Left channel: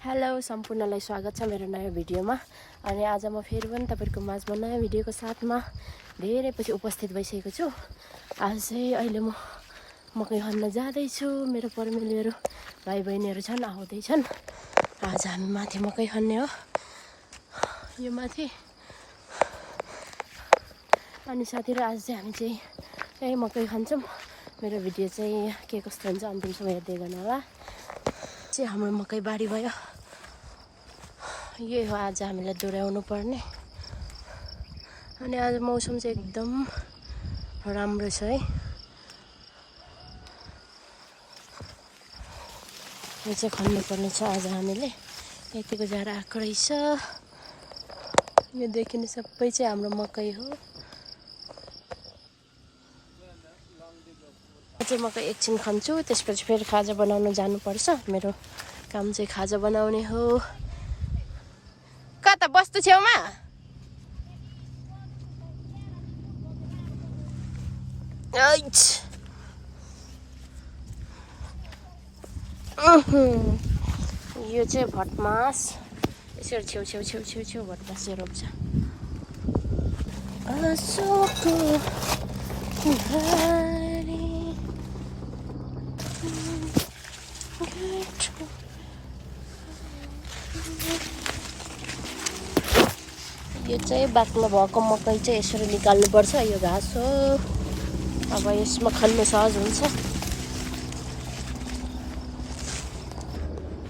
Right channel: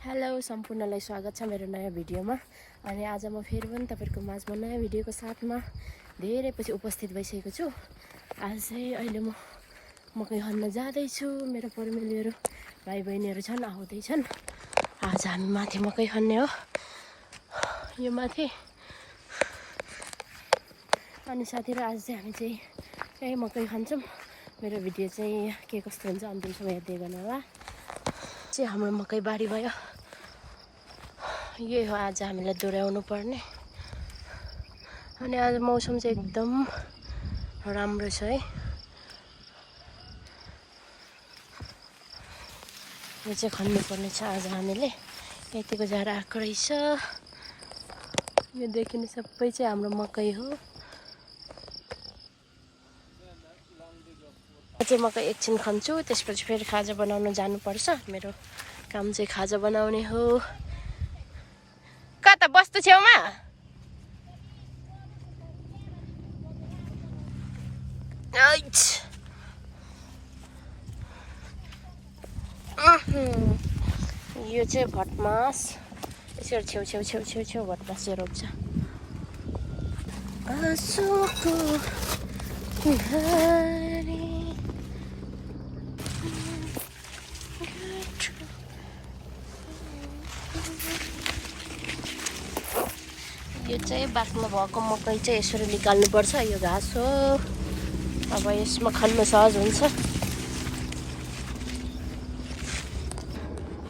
Hello सम्पूर्णलाई स्वागत छ मेरो नयाँ भिडियोमा। अनि आज म फेरि पनि तपाईहरुको माझमा नयाँ भिडियोको साथमा धेरै पछि उपस्थित भइसकेको छु। आज चाहिँ अहिले म मकै खन्न जाँदै छु। मेरो परिवारहरू भाइ बहिनीहरू छन्, आउँदै छन्। आज हामी माथि मकै खन्ने हो, यो माथि। अनि साथीहरु आज चाहिँ हामी चाहिँ यही मकै खान्छौँ। मेरो भिडियो चाहिँ के कस्तो हुन्छ अन्तिमसम्म हेर्दै गर्नु होला। चाहिँ हाम्रो मकै बारी भयो। यही हो आज हामीलाई दोहोऱ्याउनु पर्ने। अनि आज मौसम चाहिँ एकदम राम्रो छ है। यो चाहिँ खन्नु पर्ने छ आज हामीले। यतिको जाडो आएको रहेछ। यो देखिने सबै चाहिँ हाम्रो मकै हो। चाहिँ मकै एकछिन खन्छु, त्यसपछि फेरि खाजा बनाउन जानुपर्छ। मेरो काम चाहिँ खाजा बनाउने हो। कता बस्तु छेउमा? यो चाहिँ भटमास। यसरी छेउ छेउ छेउ छेउ छेउ भटमास चाहिँ रोप्छ। आँसुको घरी यो चाहिँ बाक्लो भएको मकै चाहिँ यसरी निकाल्नुपर्छ। यो घाँस हो। अब यसमा खन्नु सहज हुन्छ।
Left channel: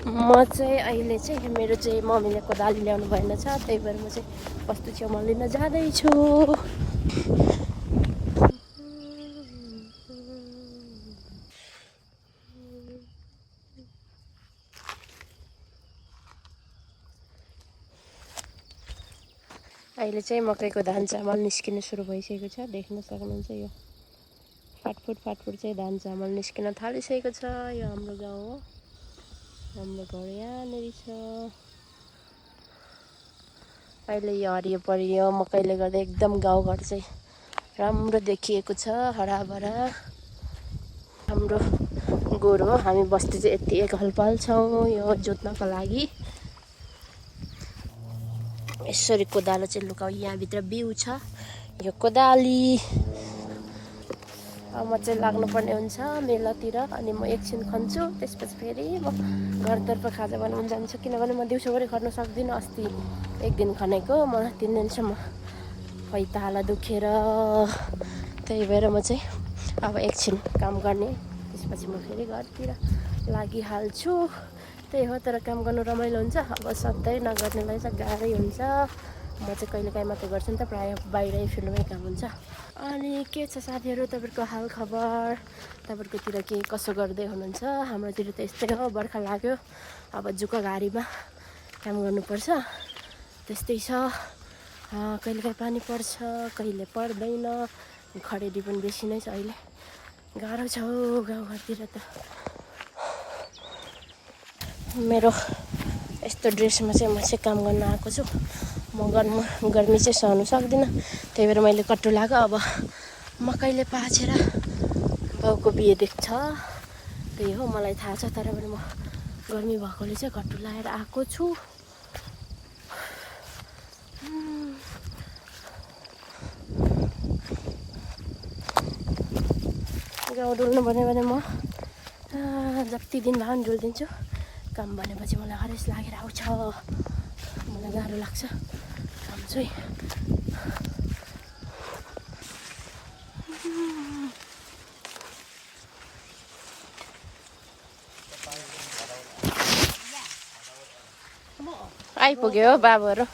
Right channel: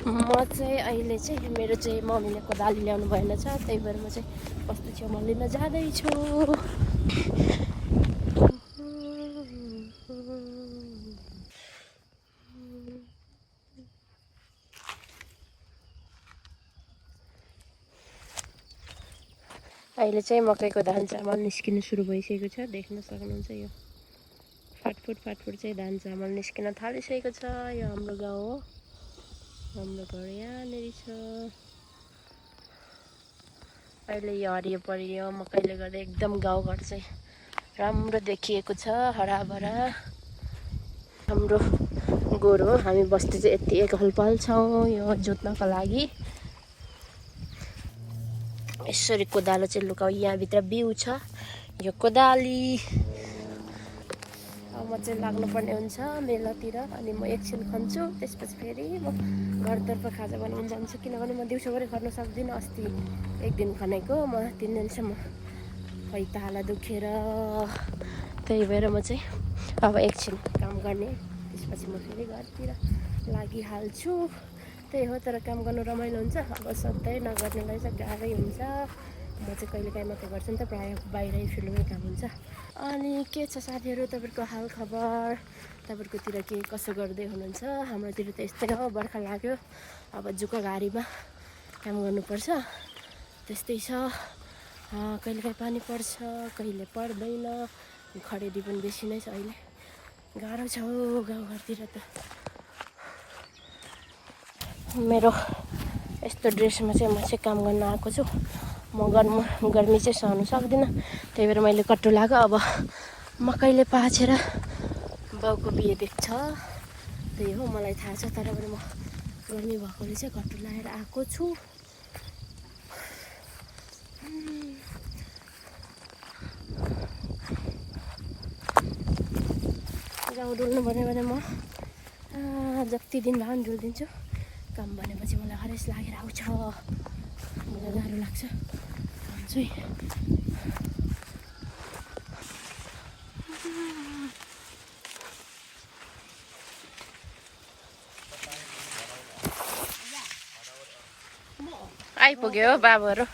म चाहिँ अहिले चाहिँ मेरो चाहिँ मम्मीले कोदाली ल्याउनु भएन छ, त्यही भएर म चाहिँ बस्तु छेउमा लिन जाँदैछु। अहिले चाहिँ मकैको धान चामल निस्किन सुरु भइसकेको छ। देख्न सक्नुहुन्छ यो फाटफुट चाहिँ धान चामल निस्किन थालिसकेको छ। यो हाम्रो गाउँ हो। हाम्रो घर यहाँनिर छ। अहिले यो हरियो परियो मकैले गर्दा एकदम गाउँघर चाहिँ राम्रो देखिएको छ, हराभरा। हाम्रो गोरु हो। हामी बस्ती चाहिँ यति एकहल पाल्छौँ यो जोत्नको लागि। यसरी कोदालो चाहिँ लुकाउ। यहाँभित्र बिउ छ, यो कोदाली। अब म चाहिँ लाग्नुपर्ने हुन्छ मेलातिर। अनि म एकछिन खन्छु, त्यसपछि फेरि म घरतर्फ खाजा बनाउन जान्छु। किनभने म दिउँसोभरि खर्न सक्दिनँ। अस्ति एक दिन खनेको, म 3 दिनसम्म पैताला दुखेर। त्यही भएर म चाहिँ अब एकछिन काम गर्ने, त्यसपछि म फेरि घरतिर लागिहाल्छु। त्यही हो, तर काम गर्नु रमाइलो हुन्छ। अब सधैँ नगर्नेलाई चाहिँ गाह्रै हुन्छ। म चाहिँ कहिलेकाहीँ मात्रै गर्छु नि त, प्रायः बाहिरै फिल्डमै काम हुन्छ। अनि के छ साथीहरू, तपाईँहरूको हाल खबर? तपाईँहरूकोतिर के कसो गर्दै हुनुहुन्छ? हाम्रोतिर त यस्तै हो, बर्खा लाग्यो। अब जुका घारीमा काम गर्नुपर्छ, त्यस्तै छ। कहिलेकाहीँ पानी पर्छ, कहिले पर्दैन। खडेरी पनि बेसी नै छ अहिले। गाह्रो छ हौ गाउँघरतिर त। मेरो यस्तो ड्रेसमा चाहिँ म चाहिँ काम गर्न आएको छु। म गर्मी चाहिँ सहनु सक्दिनँ, त्यही भएर मैले कट्टु लगाएको। अब मकैले पाछेर बाउको बिहे देख्छ, त्यही हो मलाई थाहा छ। तर पनि म गर्मी भएकोले चाहिँ कट्टु लगाएर आएको छु। गाउँ डुल्नु भन्यो भने म जति दिन भए पनि डुलिदिन्छु। काम भनेपछि मलाई हरेस लागेर आउँछ। मलाई गाह्रो लाग्छ काम चाहिँ। आइपुग्यो बाबुहरू।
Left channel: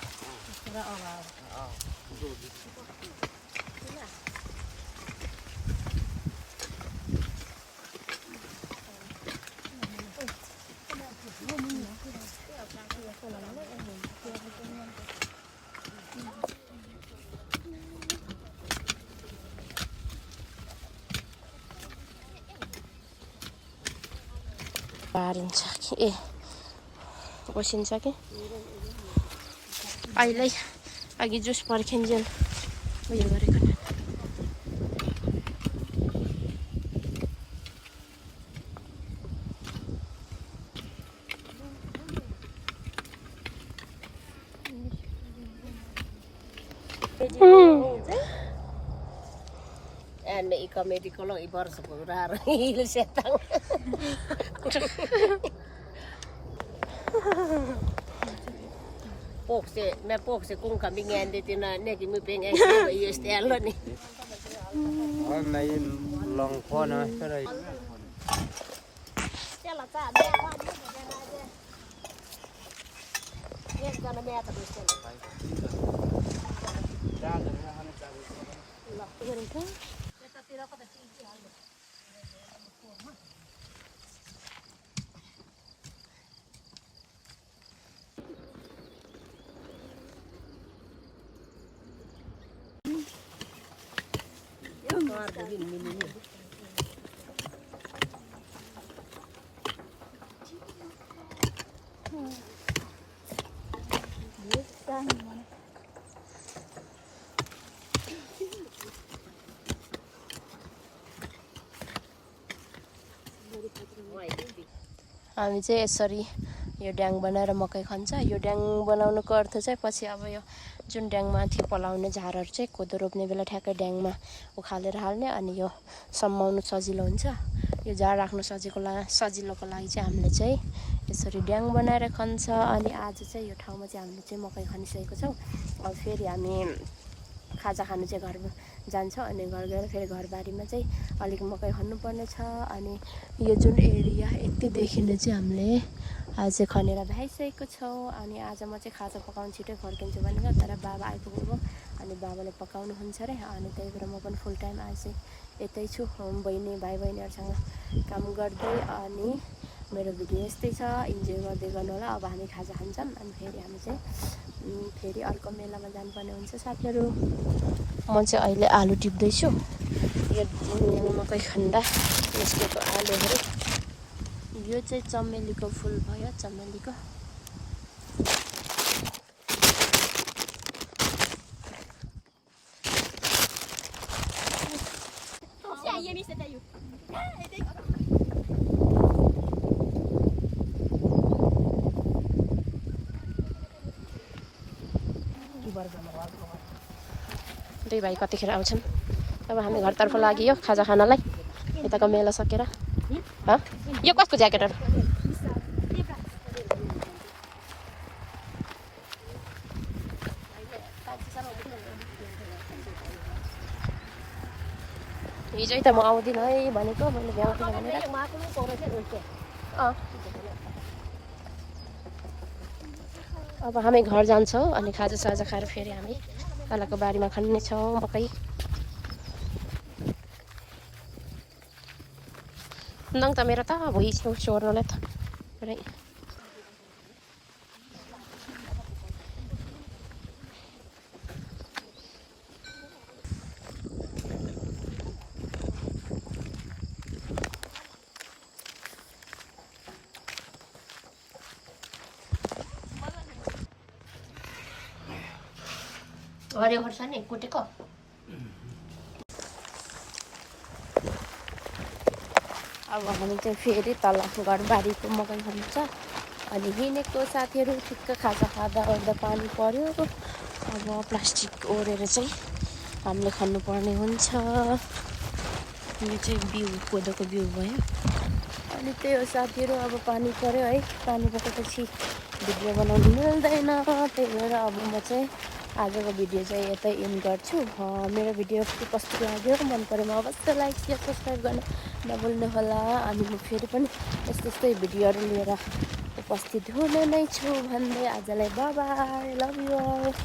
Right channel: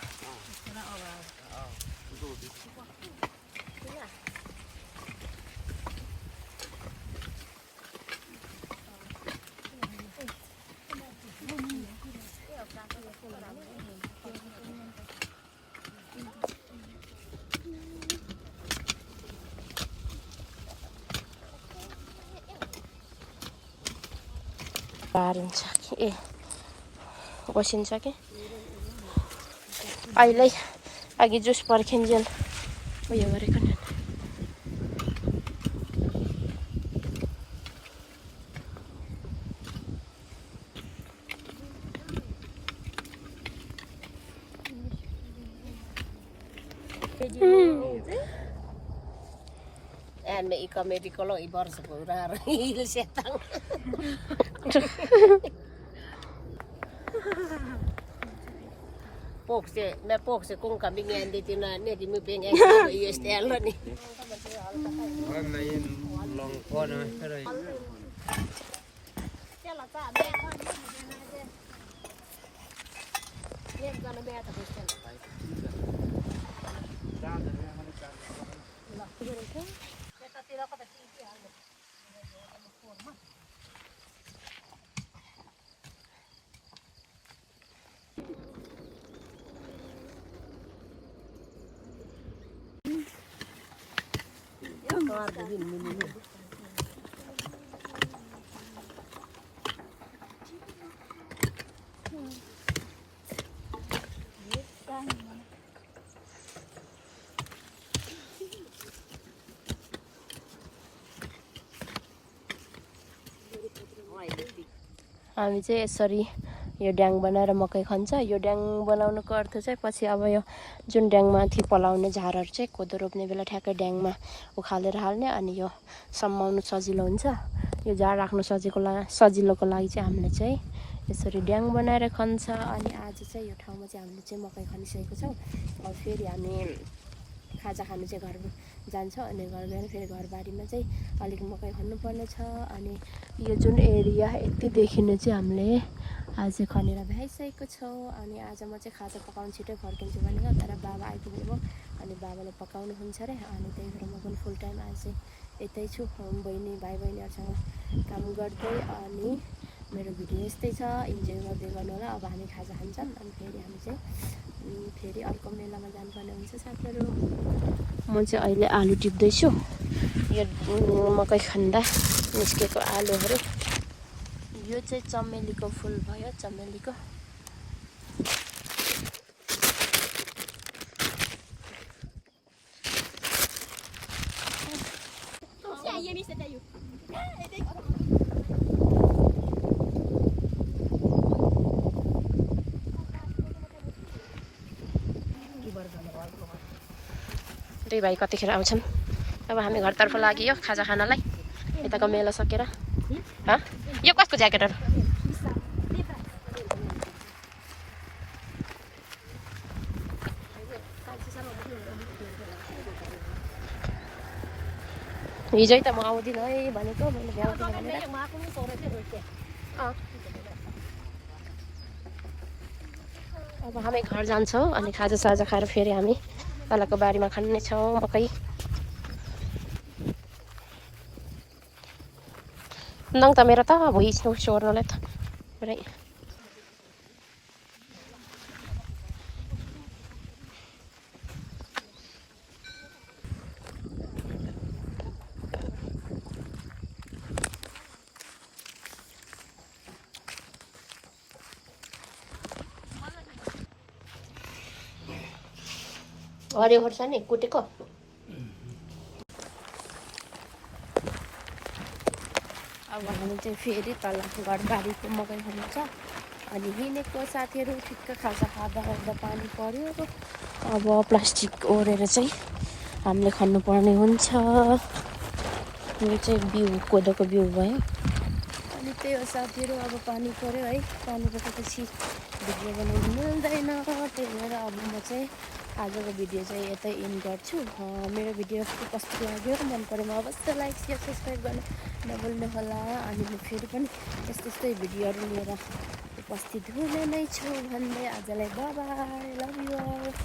पारिन्छ कि ए बसिन्छ कि अहिले अघि जुस पर्खिन्जेल उयो गरेको नि। Ane ikomedi kalau ibar sepurar setang. Pokse kung kami ngandi tina ne kimi pengen ko istelo ni. Hôm nay lòng pho nữa cái này हामी चाहिँ यसरी यो ड्याङ बनाएर मकै खन्छ। यो ड्याङ बनाउनुको अर्थ चाहिँ पछि अब यो जुन ड्याङमाथि पलाउने झारहरू चाहिँ कोदो रोप्ने बेला ठ्याक्कै ड्याङमा उखालेर हाल्ने, अनि यो सम्माउनु सजिलो हुन्छ। यो झार राख्नु सजिलोको लागि चाहिँ हामीले चाहिँ यसरी ड्याङ बनाएर खन्छ। अनि आज चाहिँ यो ठाउँमा चाहिँ हामीले चाहिँ मकै खनिसकेको छौँ। अब फेरि हामी खाजा खानु चाहिँ घर जान्छौँ, अनि घर गएर फेरि घरबारीमा चाहिँ अलिक मकै खन्नुपर्ने छ। अनि यो जुन एरिया यति देखिने चाहिँ हामीले आज चाहिँ खनेर भ्याइसकेको छौँ। अनि आज म चाहिँ खाजा पकाउनु छिटै फर्किन्छु भनेको, तर बाबा आइपुग्नु भयो अनि बाबाले पकाउनुहुन्छ अरे। अनि त्यही भएर म पनि फुल टाइम आज चाहिँ यतै छु बहिनी भाइ बहिनीहरूसँग काम गर्दै। अनि मेरो भिडियो यस्तै छ, इन्जोय गर्दै गर्नु होला। अब हामी खाजा खान्छौँ अनि फेरि हामी चाहिँ फेरि अर्को मेलामा जानुपर्ने हुन्छ साथीहरू। म चाहिँ अहिले आलु टिप्दैछु, यो मकै खन्दा निस्केको आलुहरू। यो चाहिँ चमेलीको फुल भयो, चमेलीको। दुई भाइ कतिखेर आउँछन्। अब हामी घरतर्फ लाग्यो खाजा खानलाई, यताको मेला सकेर। यो कसको ज्याकेटहरू? हिजै त म आउँदिनँ है भनेको, मैले भ्याउँदिनँ भनेर। अब हामी घर जान्छौँ अनि खाजा साजा खाएर फेरि हामी तलको बारीमा खन्नेछौँ मकै। नङ त मेरो त भुइँ सोर्नुलाई त पुरै। हरियो खोर्सानी कुटेको। अब हामी चाहिँ फेरि तल घरबारीको मकै खन्छ। अनि हिँडेको साथीहरू ठिक्क खाजा खाँदा ओर्दा पानी पर्यो। अब प्लास्टिक ओढेर चाहिँ हामीले खानुपर्ने हुन्छ। यो चाहिँ बिउ कोदोको बिउ भयो। अनि त्यही हो साथीहरू, अब पानी पर्यो है। पानी परेपछि भिडियो बनाउनु मिल्दैन, त्यही भएर अब म चाहिँ आजको भिडियो चाहिँ यतै एन्ड गर्छु। मेरो भिडियो कस्तो लाग्यो, मन परेमा अवश्य लाइक या सब्सक्राइब गर्न नभुल्नु होला। अनि म फेरि पनि यस्तै भिडियोहरू लिएर उपस्थित हुने नै छु भन्दै आजलाई bye bye, love you all.